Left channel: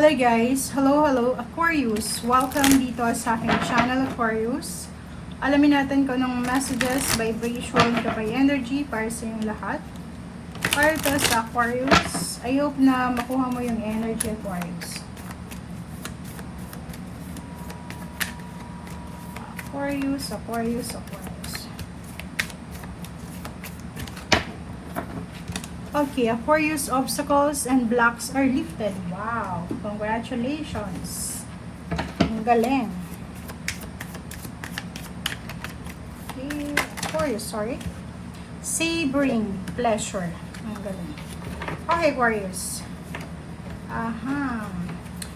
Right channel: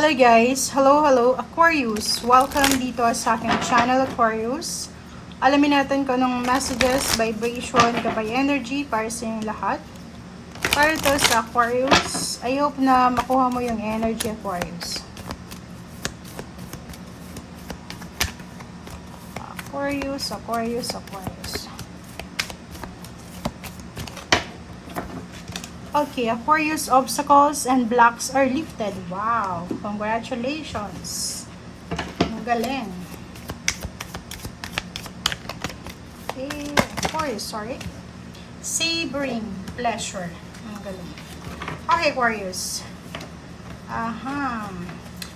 Hello guys! Hello Aquarius! Welcome dito sa aking channel Aquarius. Alamin natin kung anong messages, vibration, gabay energy para sa inyong lahat. Para to sa Aquarius, I hope na makuha mo yung energy Aquarius. Aquarius. Okay, Aquarius, obstacles and blocks are lifted. Wow! Congratulations! Ang galing. Okay, Aquarius, Savoring pleasure. Ang galing. Okay, Aquarius.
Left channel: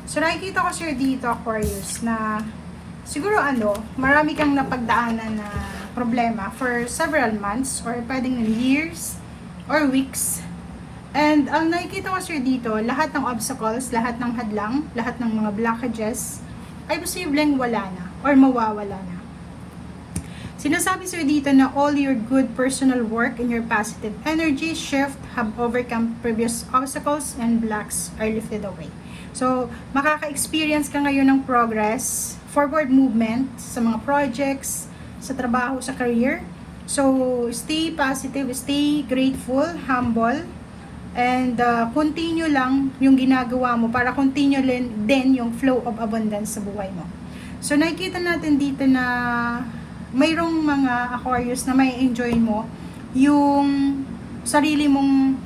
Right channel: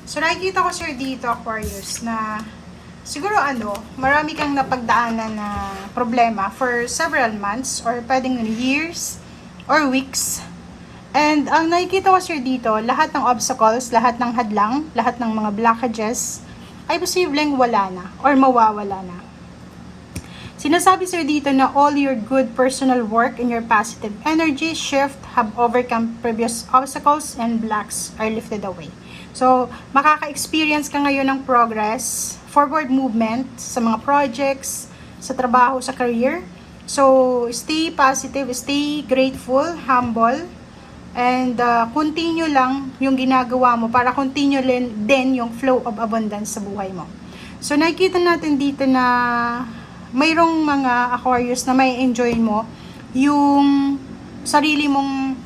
So, nakikita ko sir dito, Aquarius, na siguro marami kang napagdaanan na problema for several months or pwedeng years or weeks. And ang nakikita ko sir dito, lahat ng obstacles, lahat ng hadlang, lahat ng mga blockages ay posibleng wala na or mawawala na. Sinasabi sir dito na all your good personal work and your positive energy shift have overcome previous obstacles and blocks are lifted away. So, makaka-experience ka ngayon ng progress, forward movement sa mga projects, sa trabaho, sa career. So, stay positive, stay grateful, humble, and continue lang yung ginagawa mo para continue din yung flow of abundance sa buhay mo. So, nakikita natin dito na mayroong mga Aquarius na may enjoy mo yung sarili mong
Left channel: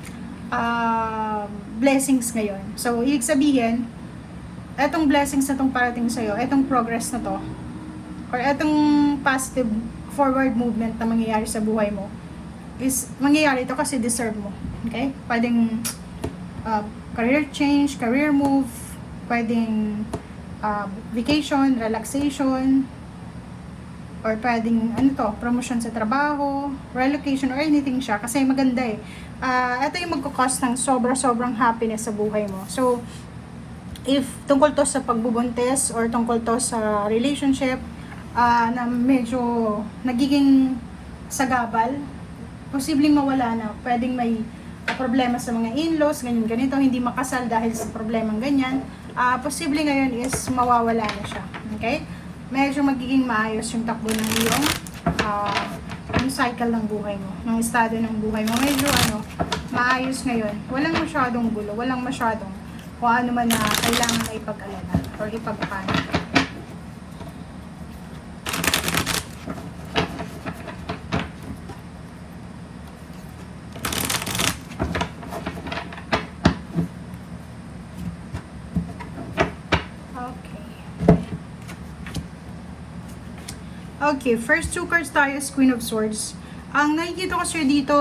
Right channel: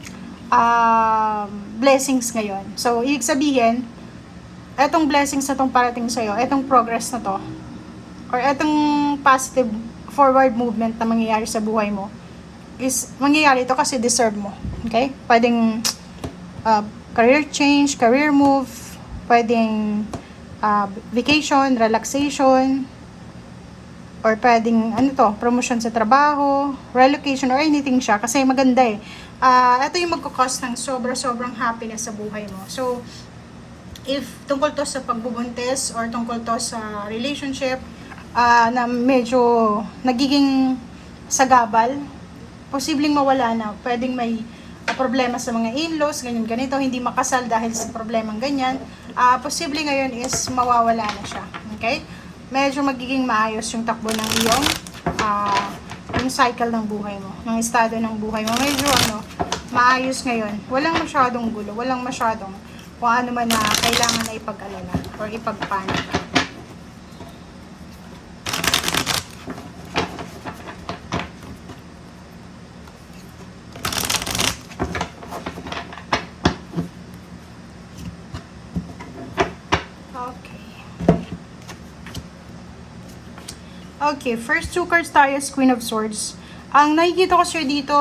blessings ngayon. So, ibig sabihin, etong blessings na itong parating sa'yo, etong progress na to, or etong positive forward movement na mangyayari sa buhay mo, is mangyayari ito kasi deserve mo. Okay? Pwedeng career change, career move, pwedeng vacation, relaxation, or pwedeng promotion sa trabaho, relocation, or anything siya. Kasi maganda ito yung magkakos ng sobrang happiness sa buhay mo. So, if tungkol to sa pagbubuntis or tungkol to sa relationship na medyo nagiging sagabal, posibleng mawala na. Pwedeng may problema sa mga in-laws, ganito, hindi makasal dahil sa problemang ganyan. Posible ngayon is mawawala na siya. Okay? Medyo magiging maayos yung takbo ng iyong yung cycle ng buhay mo, ng estado ng buhay mo. Medyo maayos ngayon. Walang masyadong gulo, walang masyadong kung ano man na kailangan na ipag-alala or ipagpanik. Okay, first two cards tayo is Queen of Swords. Ang nakikita ko sir dito,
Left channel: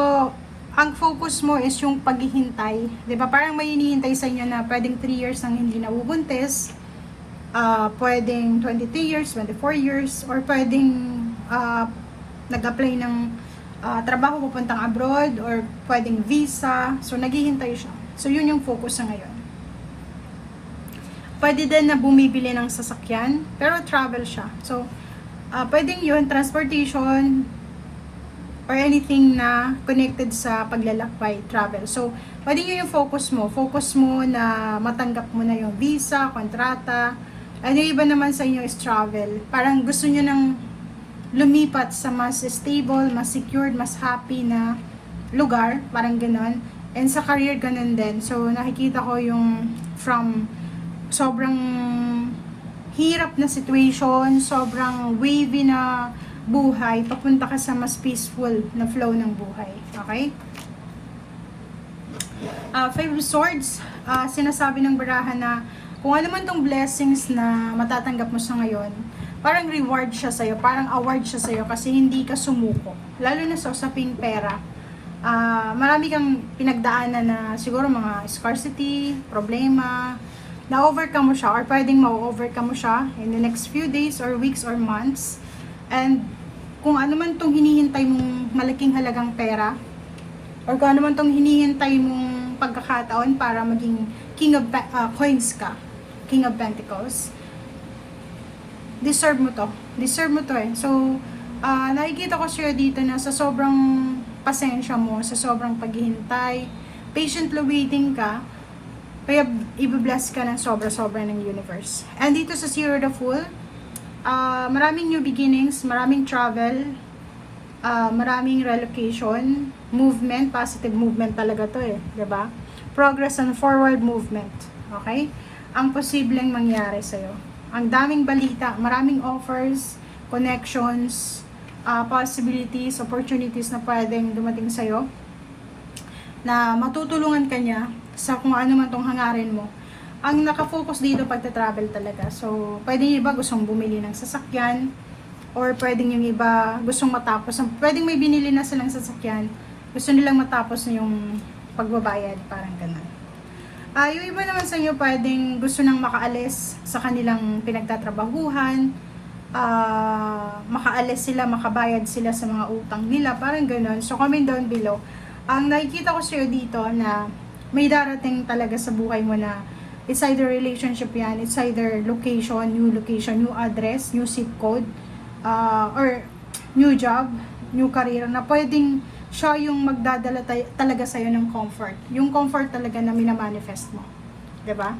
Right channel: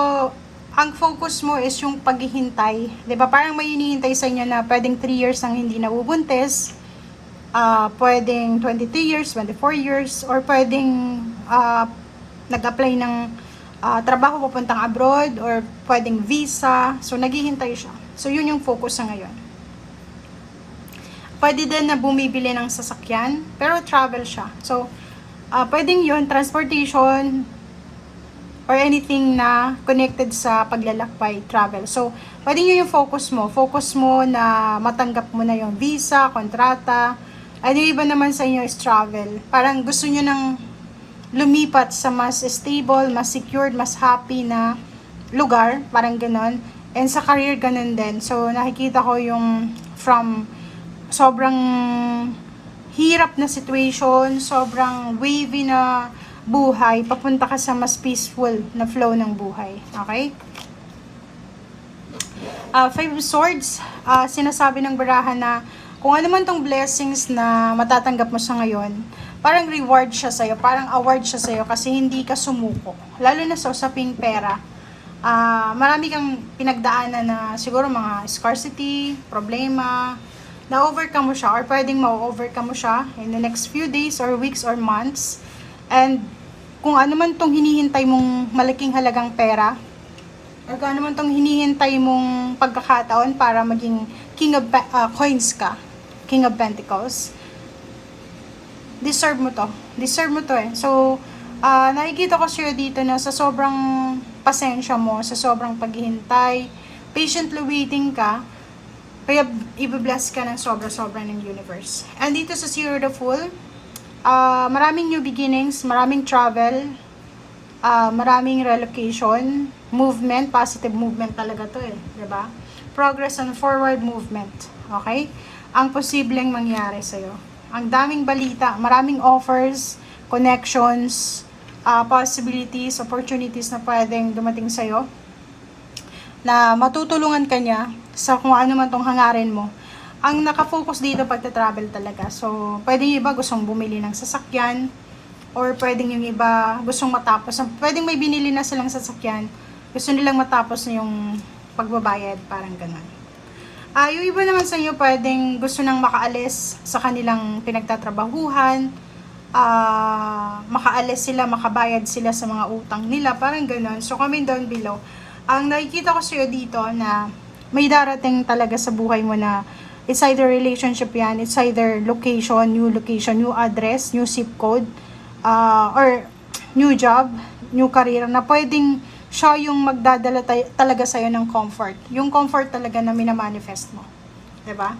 ang focus mo is yung paghihintay. 'Di ba? Parang may hinihintay sa inyo na pwedeng 3 years ang hindi nabubuntis, pwedeng 23 years, 24 years, or pwedeng nag-apply ng trabaho papuntang abroad, or pwedeng visa. So, naghihintay siya. So, yun yung focus sa ngayon. Pwede din na bumibili ng sasakyan, pero travel siya. So, pwedeng yun, transportation, or anything na connected sa paglalakbay, travel. So, pwedeng yun yung focus mo. Focus mo na matanggap mo na yung visa, kontrata. Yung iba naman sa inyo is travel. Parang gusto nyo nang lumipat sa mas stable, mas secured, mas happy na lugar. Parang ganon. And sa career, ganon din. So, nakikita ko yung from sobrang hirap na situation, sobrang wavy na buhay, papunta ka sa mas peaceful na flow ng buhay. Okay? Five of Swords, sinasabi ng barahan na kung ano man tong blessings na matatanggap mo sa ngayon, parang reward siya sa'yo, parang award siya sa'yo kasi hindi ka sumuko. Lalo na sa usaping pera. Marami kang pinagdaanan na siguro mga scarcity, problema, na-overcome mo siya or pwedeng ma-overcome mo siya in the next few days or weeks or months. And kung ano man tong hinihintay mong malaking halagang pera or kung ano man tong hinihintay mong pagkakataon para maging King of Coins ka, King of Pentacles, deserve mo to. Deserve mo to So, nakikita ko siya dito na sa sobrang pasensya mo, sa sobrang paghihintay, patiently waiting ka, Kaya i-bless ka ng sobra-sobra ng universe. And dito sa Zero the Fool, maraming new beginnings, maraming travel, maraming relocation, movement, positive movement talaga to eh, 'di ba? Progress and forward movement, okay? Ang posibleng mangyari sa iyo. Ang daming balita, maraming offers, connections, possibilities, opportunities na pwedeng dumating sa iyo na matutulungan ka niya sa kung ano man tong hangarin mo. Ang nakafocus dito pagta-travel talaga. So, pwedeng yung iba gustong bumili ng sasakyan, or pwedeng yung iba gustong matapos. Pwedeng may binili na silang sasakyan, gusto nilang matapos na yung pagbabayad, parang ganun. Yung iba naman sa inyo pwedeng gusto nang makaalis sa kanilang pinagtatrabahuhan, makaalis sila, makabayad sila sa mga utang nila, parang ganun. So, comment down below. Ang nakikita ko sa'yo dito na may darating talaga sa buhay mo na it's either relationship yan, it's either location, new address, new zip code, or new job, new career na pwedeng siya yung magdadala talaga sa'yo ng comfort. Yung comfort talaga na minamanifest mo. 'Di ba?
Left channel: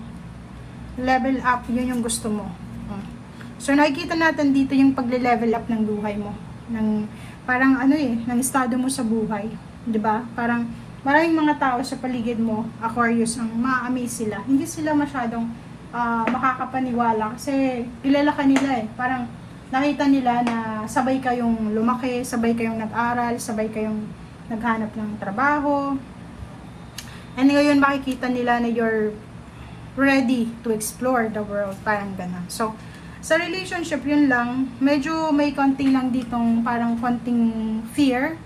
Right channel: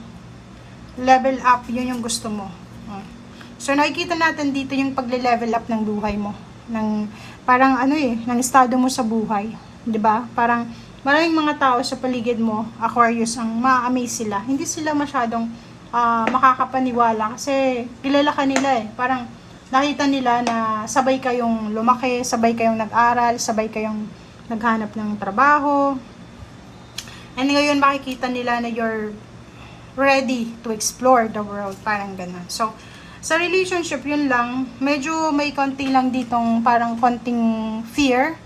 Level up, yun yung gusto mo. So nakikita natin dito yung pagle-level up ng buhay mo. Ng parang ng estado mo sa buhay. 'Di ba? Parang maraming mga tao sa paligid mo, Aquarius, ang ma-amaze sila. Hindi sila masyadong makakapaniwala kasi kilala ka nila eh. Parang nakita nila na sabay kayong lumaki, sabay kayong nag-aral, sabay kayong naghanap ng trabaho. And ngayon makikita nila na you're ready to explore the world. Parang ganun. So, sa relationship, yun lang. Medyo may konting lang ditong parang konting fear.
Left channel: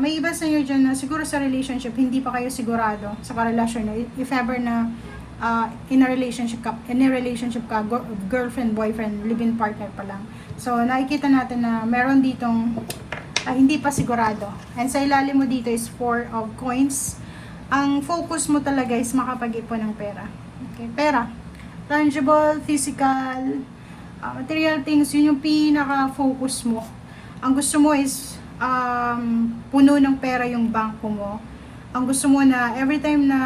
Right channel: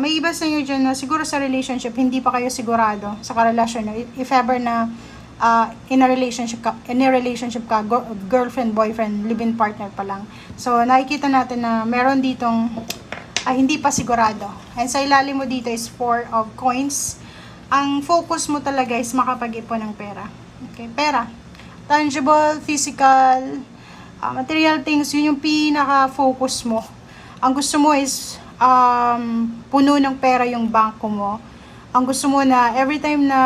May iba sa inyo dyan na siguro sa relationship hindi pa kayo sigurado sa karelasyon nyo. If ever na in a relationship ka, girlfriend, boyfriend, live-in partner pa lang. So nakikita natin na meron ditong hindi pa sigurado. And sa ilalim mo dito is 4 of coins. Ang focus mo talaga is makapag-ipon ng pera. Okay, pera. Tangible, physical, material things, yun yung pinaka-focus mo. Ang gusto mo is puno ng pera yung bangko mo. Ang gusto mo na every time na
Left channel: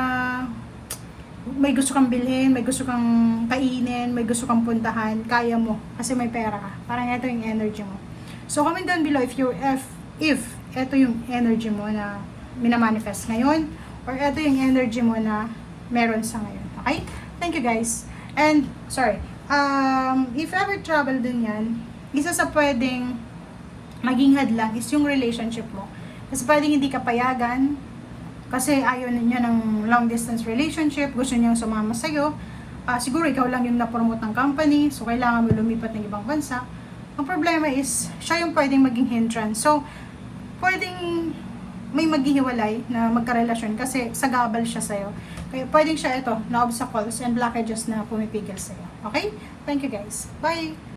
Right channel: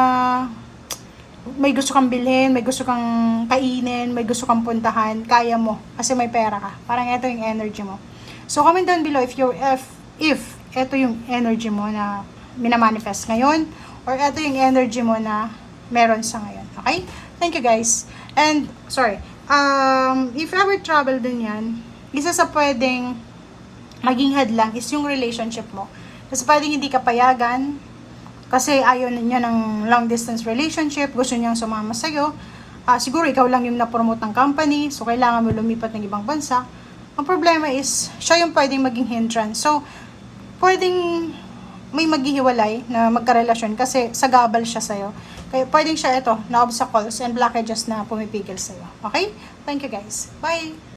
may gusto kang bilhin, may gusto kang kainin, may gusto kang puntahan, kaya mo kasi may pera ka. Parang ito yung energy mo. So comment down below if ito yung energy mo na minamanifest ngayon, or ito yung energy mo na meron sa ngayon. Okay? Thank you guys. And if ever travel din yan, isa sa pwedeng maging hadlang is yung relationship mo. Kasi pwedeng hindi ka payagan, kasi ayaw niya ng long distance relationship, gusto niyang sumama sa'yo. Siguro ikaw lang yung na-promote ng company, so kailangan mo lumipat ng ibang bansa. Ang problema is, siya yung pwedeng maging hindrance. So, pwedeng may maghihiwalay na magkarelasyon kasi sagabal siya sa'yo. Kaya pwedeng siya na obstacles and blockages na pumipigil sa'yo. Okay? Thank you guys. Bye!